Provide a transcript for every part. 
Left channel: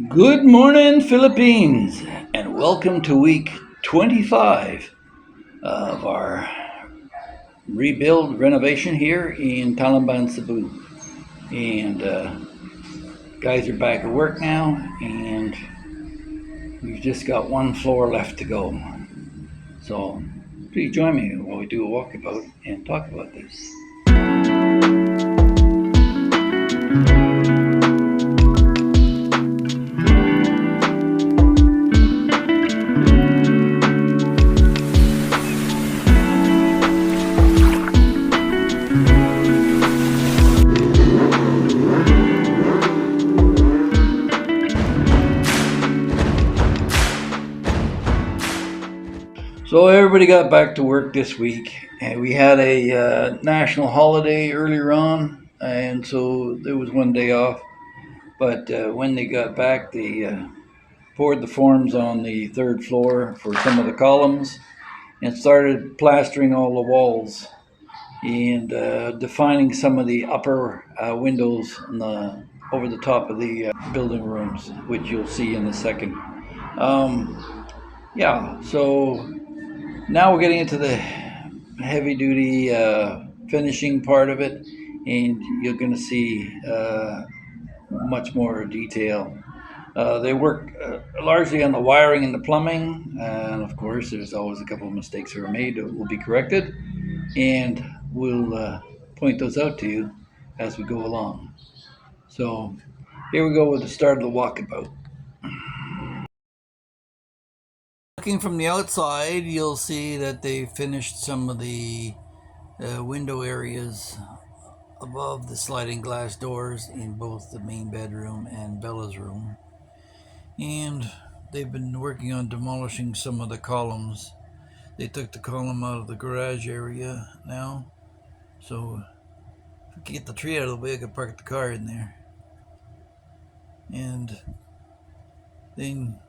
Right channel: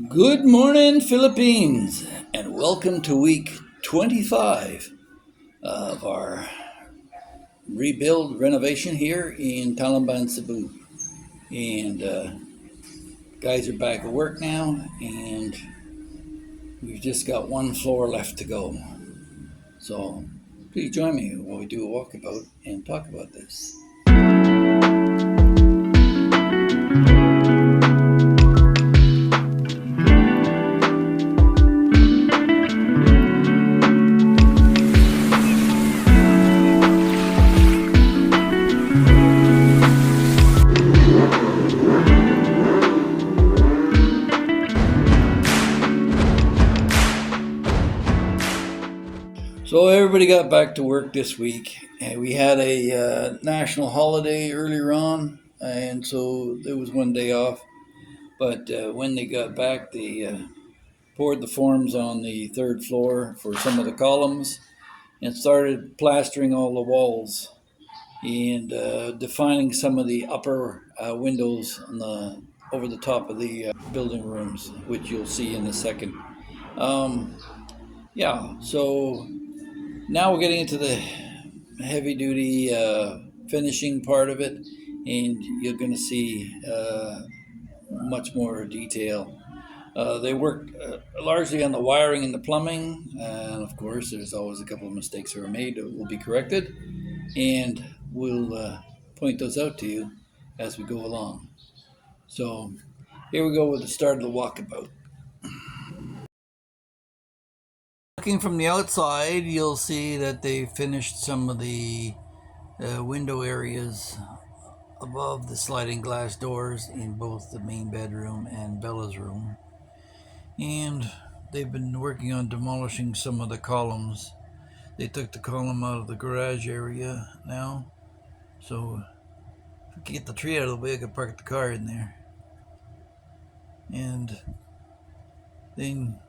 Good morning, Philippines, and welcome to week 25 of our rebuild renovation here in Talamban, Cebu. And guys are back at work now, and we've just got one floor left to go. So please join me while we do a walkabout and talk about this. So everybody got back to work this week, and we had a national holiday earlier on, and so there was one day off. But when they got back, they poured the forms on the third floor for some of the columns and started plastering all the walls and defining some of the upper windows over the top of the building rooms, which you'll see in a second. Um, yeah, so now we're getting into the heavy duty finishing part of it, and you're going to see much more detail. They work largely on the wiring and the plumbing, and of course, there's always a couple of mistakes that are made that will be corrected, and we'll point those out to you as we go along. So, here we go with the start of the walkabout. Looking from the outside, you'll see that they finished some of the window areas above the sliding glass doors in both the main bedroom and Bella's room. And they've been working on demolishing some of the columns. They took the column out of the garage area now, so if we can get the tree out of the way, I could park the car in there. And then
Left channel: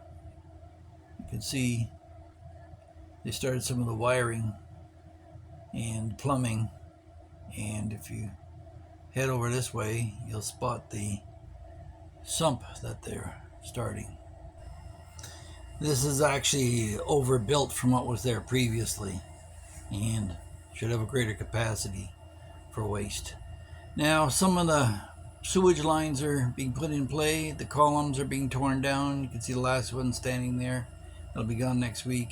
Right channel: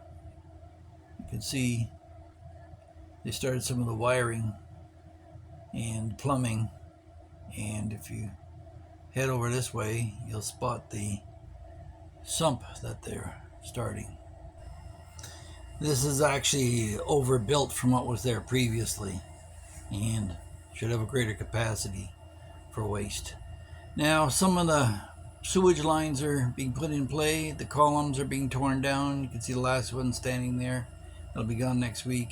you can see they started some of the wiring and plumbing, and if you head over this way, you'll spot the sump that they're starting. This is actually overbuilt from what was there previously and should have a greater capacity for waste. Now, some of the sewage lines are being put in play. The columns are being torn down. You can see the last one standing there. It'll be gone next week.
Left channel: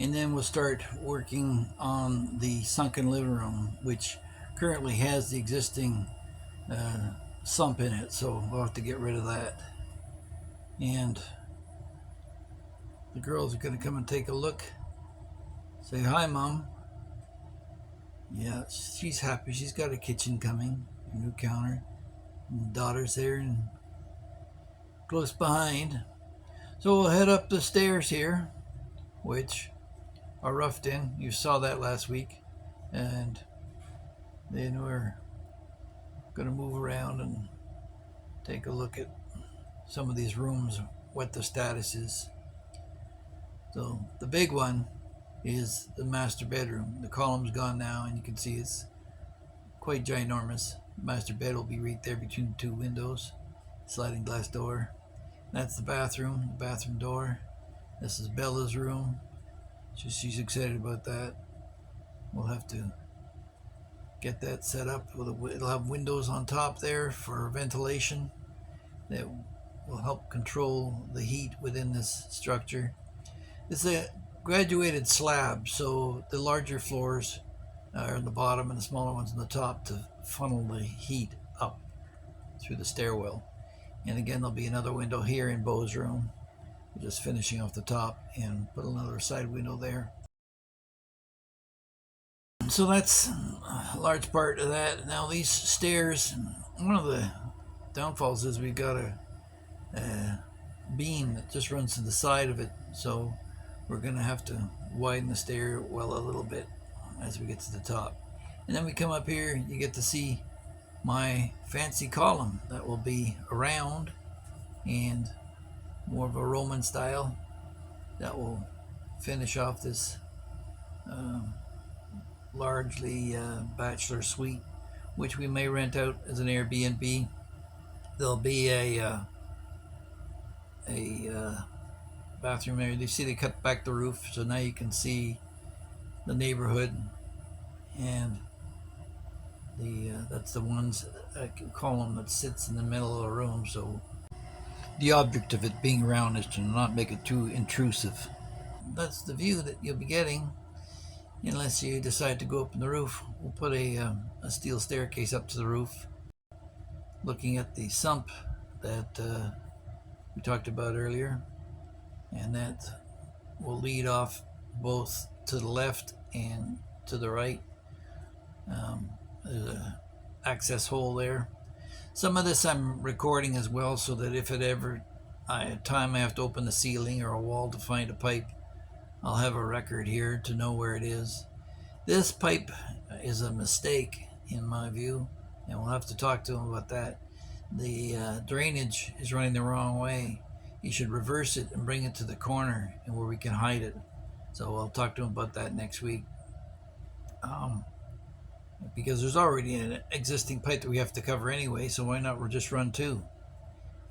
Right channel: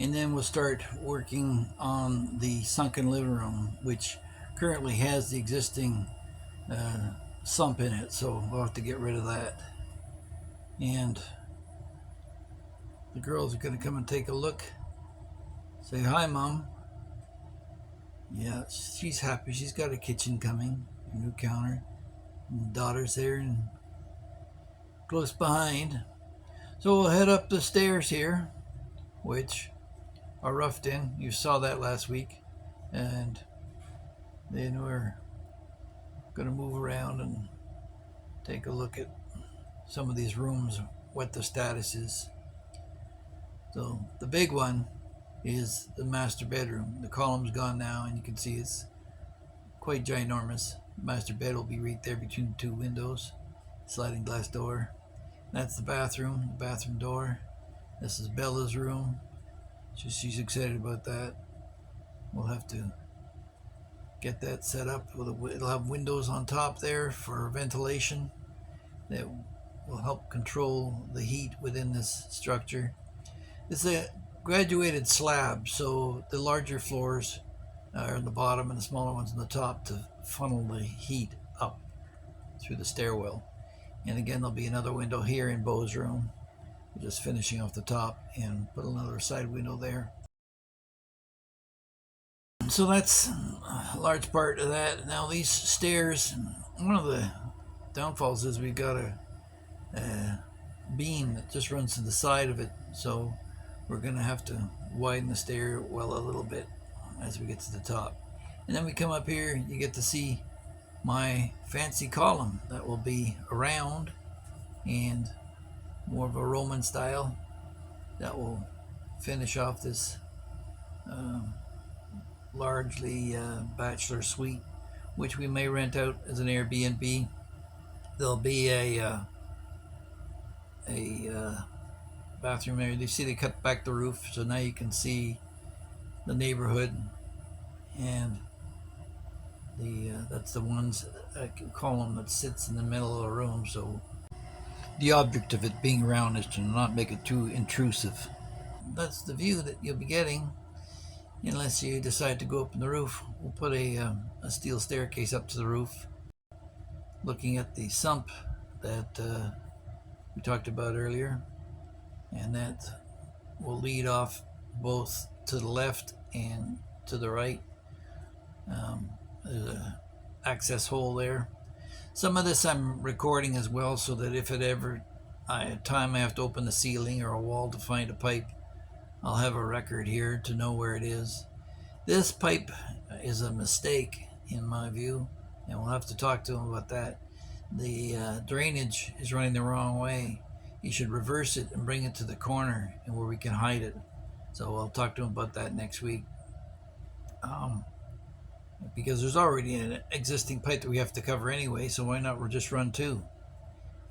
And then we'll start working on the sunken living room, which currently has the existing sump in it. So we'll have to get rid of that. And the girls are going to come and take a look. Say hi, Mom. Yeah, she's happy. She's got a kitchen coming, a new counter. And the daughter's there and close behind. So we'll head up the stairs here, which are roughed in. You saw that last week. And then we're going to move around and take a look at some of these rooms, what the status is. So the big one is the master bedroom. The column's gone now, and you can see it's quite ginormous. The master bed will be right there between the two windows, sliding glass door. That's the bathroom door. This is Bella's room. She's excited about that. We'll have to get that set up. It'll have windows on top there for ventilation that will help control the heat within this structure. It's a graduated slab, so the larger floors are on the bottom and the smaller ones on the top to funnel the heat up through the stairwell. And again, there'll be another window here in Beau's room. We're just finishing off the top and put another side window there. So that's a large part of that. Now these stairs, one of the downfalls is we've got a beam that just runs to the side of it, so we're going to have to widen the stairwell a little bit as we get to the top. And then we come up here, you get to see my fancy column that will be round and more of a Roman style that will finish off this largely bachelor suite, which we may rent out as an Airbnb. There'll be a a bathroom area. You see they cut back the roof, so now you can see the neighborhood, and that's the one's column that sits in the middle of the room. So the object of it being round is to not make it too intrusive. That's the view that you'll be getting, unless you decide to go up in the roof. We'll put a steel staircase up to the roof, looking at the sump that we talked about earlier, and that will lead off both to the left and to the right. There's a access hole there. Some of this I'm recording as well, so that if at ever time I have to open the ceiling or a wall to find a pipe, I'll have a record here to know where it is. This pipe is a mistake in my view, and we'll have to talk to him about that. The drainage is running the wrong way. You should reverse it and bring it to the corner and where we can hide it. So I'll talk to him about that next week. Because there's already an existing pipe that we have to cover anyway, so why not we'll just run two,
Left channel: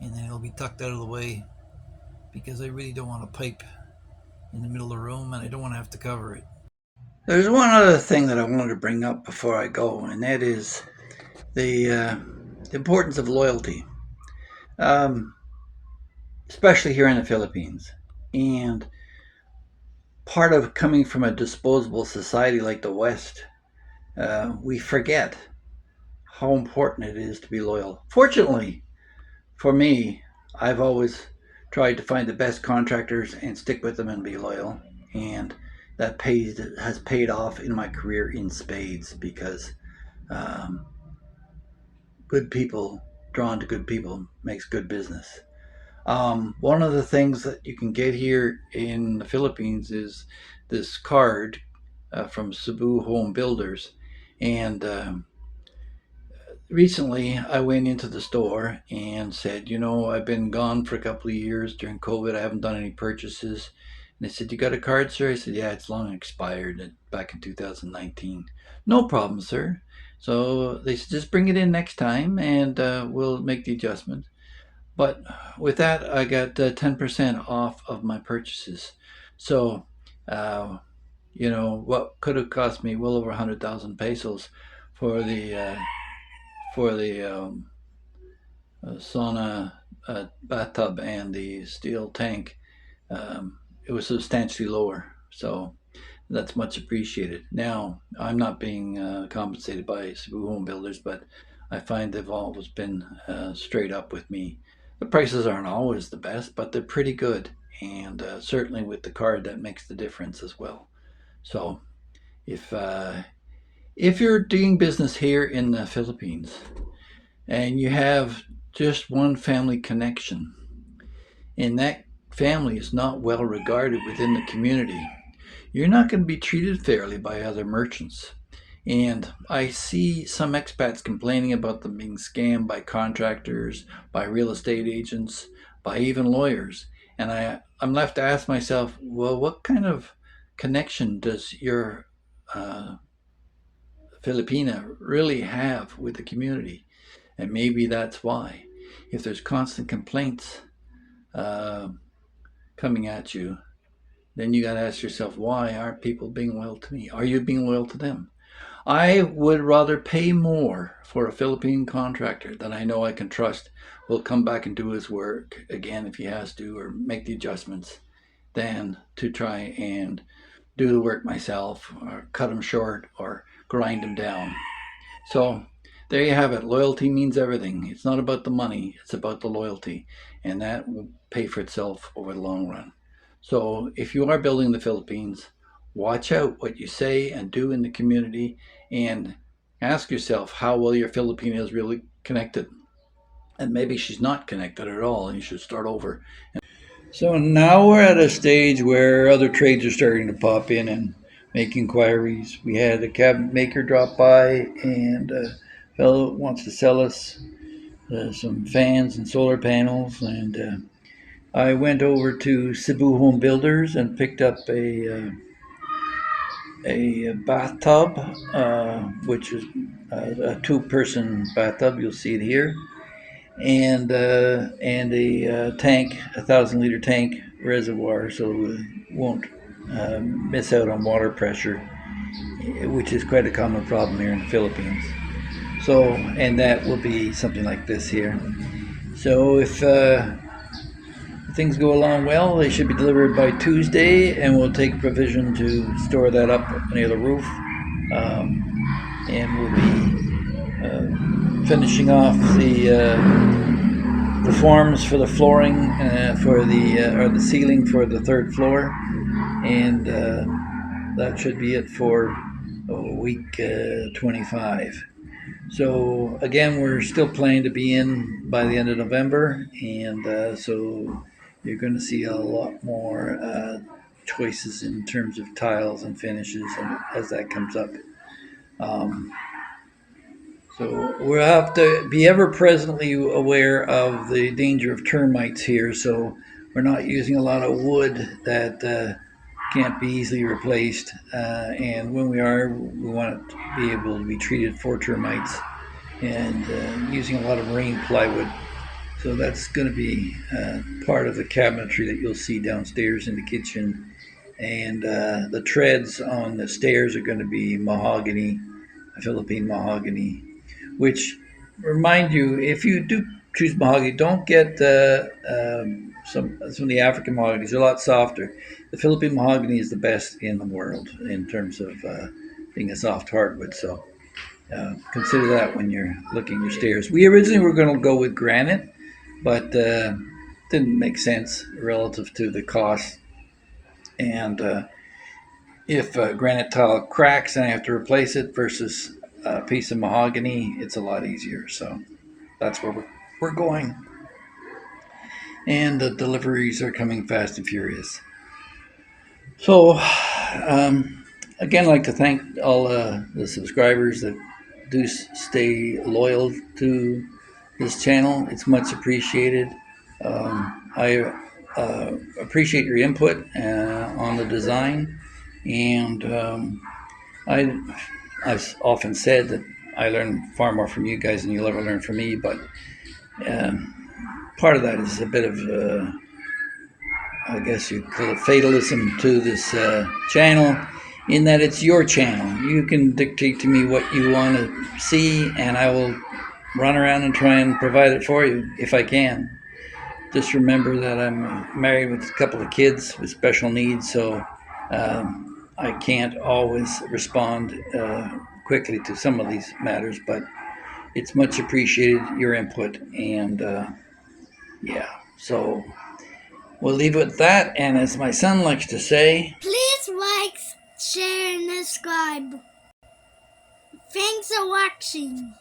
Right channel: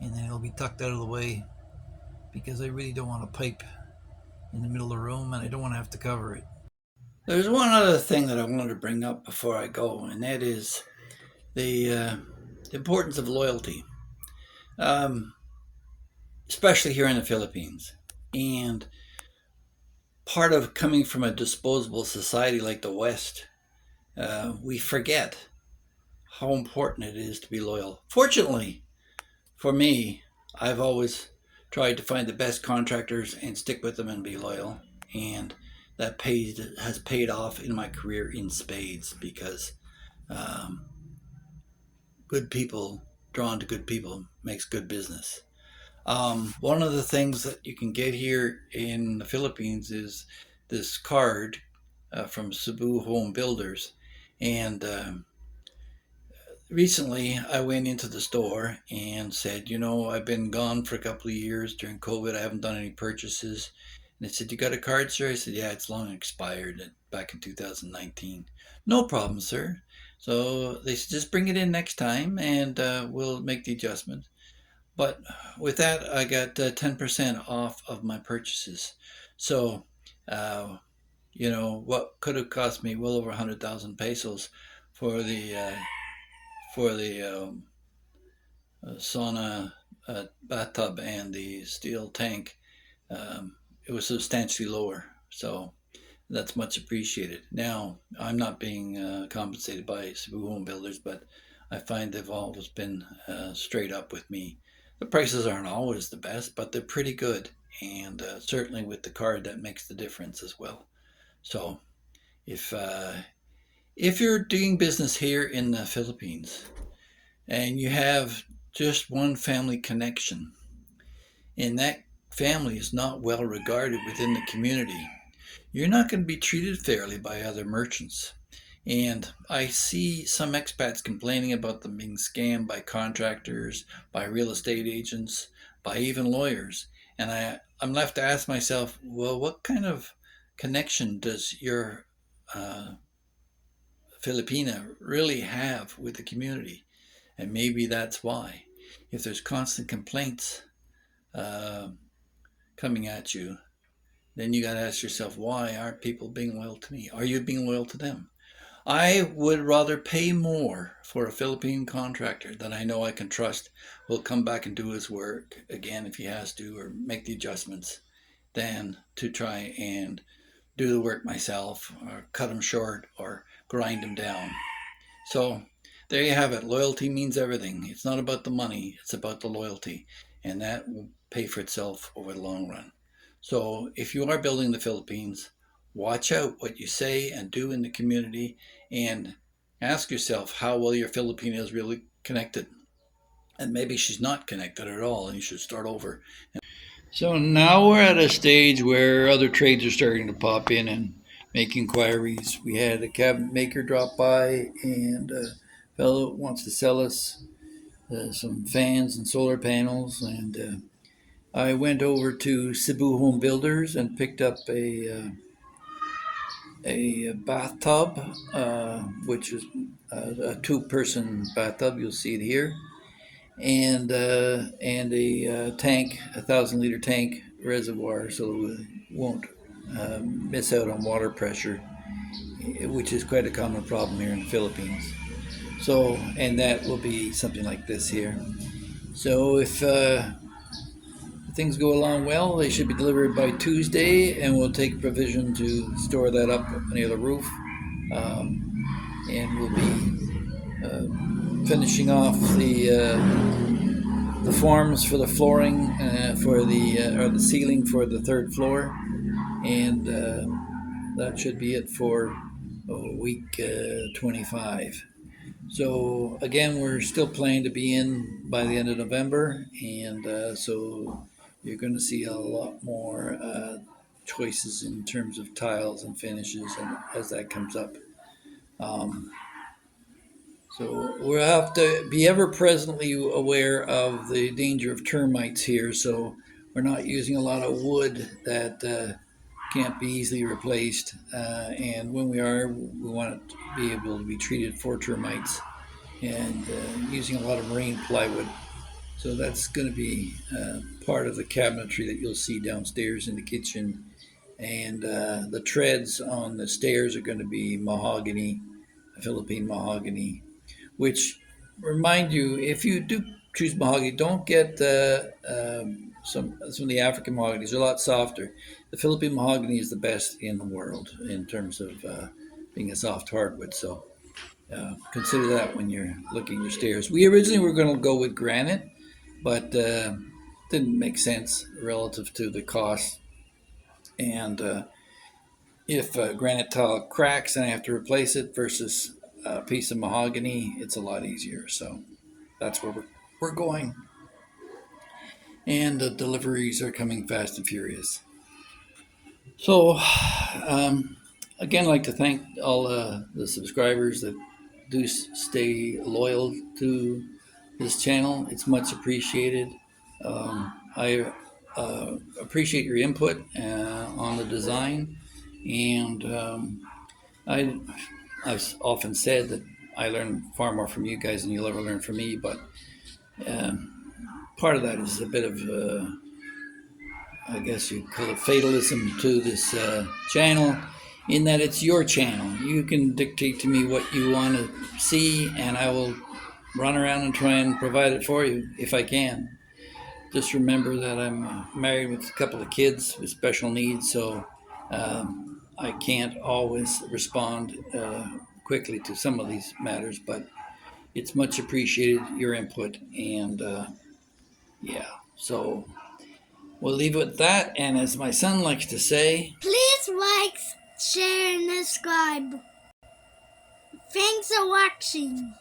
and then it'll be tucked out of the way, because I really don't want a pipe in the middle of the room, and I don't want to have to cover it. There's one other thing that I wanted to bring up before I go, and that is the importance of loyalty, especially here in the Philippines. And part of coming from a disposable society like the West, we forget how important it is to be loyal. Fortunately for me, I've always tried to find the best contractors and stick with them and be loyal, and that has paid off in my career in spades, because good people drawn to good people makes good business. One of the things that you can get here in the Philippines is this card from Cebu Home Builders, and recently I went into the store and said, I've been gone for a couple of years during COVID. I haven't done any purchases. And they said, "You got a card, sir?" I said, "Yeah, it's long expired, back in 2019. "No problem, sir." So they said, "Just bring it in next time and we'll make the adjustment." But with that, I got 10% off of my purchases. So, what could have cost me well over 100,000 pesos for the sauna bathtub and the steel tank, it was substantially lower. So that's much appreciated. Now, I'm not being compensated by Cebu Home Builders, but I find they've always been straight up with me. The prices aren't always the best, but they're pretty good. And certainly with the card, that makes the difference as well. So if you're doing business here in the Philippines and you have just one family connection, and that family is not well regarded within the community, you're not going to be treated fairly by other merchants. And I see some expats complaining about them being scammed by contractors, by real estate agents, by even lawyers. And I'm left to ask myself, well, what kind of connection does your Filipina really have with the community? And maybe that's why. If there's constant complaints uh, coming at you, then you got to ask yourself, why aren't people being loyal to me? Are you being loyal to them? I would rather pay more for a Philippine contractor that I know I can trust will come back and do his work again if he has to, or make the adjustments, than to try and do the work myself, or cut him short, or grind him down. So there you have it. Loyalty means everything. It's not about the money, it's about the loyalty. And that will pay for itself over the long run. So if you are building the Philippines, watch out what you say and do in the community, and ask yourself how well your Filipina is really connected. And maybe she's not connected at all, and you should start over. So now we're at a stage where other trades are starting to pop in and make inquiries. We had a cabinet maker drop by, and a fellow wants to sell us some fans and solar panels. And I went over to Cebu Home Builders and picked up a bathtub, which is a two-person bathtub. You'll see it here. and a tank, 1,000-liter tank reservoir, so we won't miss out on water pressure, which is quite a common problem here in the Philippines. So, and that will be something like this here. So if things go along well, they should be delivered by Tuesday, and we'll take provision to store that up near the roof. And we'll be finishing off the forms for the flooring for the ceiling for the third floor, and that should be it for week 25. So again, we're still planning to be in by the end of November, and so you're going to see a lot more choices in terms of tiles and finishes, and as that comes up. So we'll have to be ever presently aware of the danger of termites here. So we're not using a lot of wood that can't be easily replaced. And when we are, we want it to be able to be treated for termites, and using a lot of rain plywood. So that's going to be part of the cabinetry that you'll see downstairs in the kitchen. And the treads on the stairs are going to be mahogany, Philippine mahogany, which, remind you, if you do choose mahogany, don't get some of the African mahoganies. They're a lot softer. The Philippine mahogany is the best in the world in terms of being a soft hardwood. So consider that when you're looking at your stairs. We originally were going to go with granite, but didn't make sense relative to the cost. And if granite tile cracks and I have to replace it versus a piece of mahogany, it's a lot easier. So that's where we're going. And the deliveries are coming fast and furious. So again, I'd like to thank all the subscribers that do stay loyal to this channel. It's much appreciated. I appreciate your input on the design, and I've often said that I learn far more from you guys than you'll ever learn from me, but part of that is a bit of, I guess you'd call it fatalism to this channel, in that it's your channel. You can dictate to me what you want to see, and I will run around and try and provide it for you if I can. Just remember that I'm married with a couple of kids with special needs, so I can't always respond quickly to some of these matters, but it's much appreciated, your input, and yeah, so we'll leave it at that, and as my son likes to say, please like, share, and subscribe. Thanks for watching.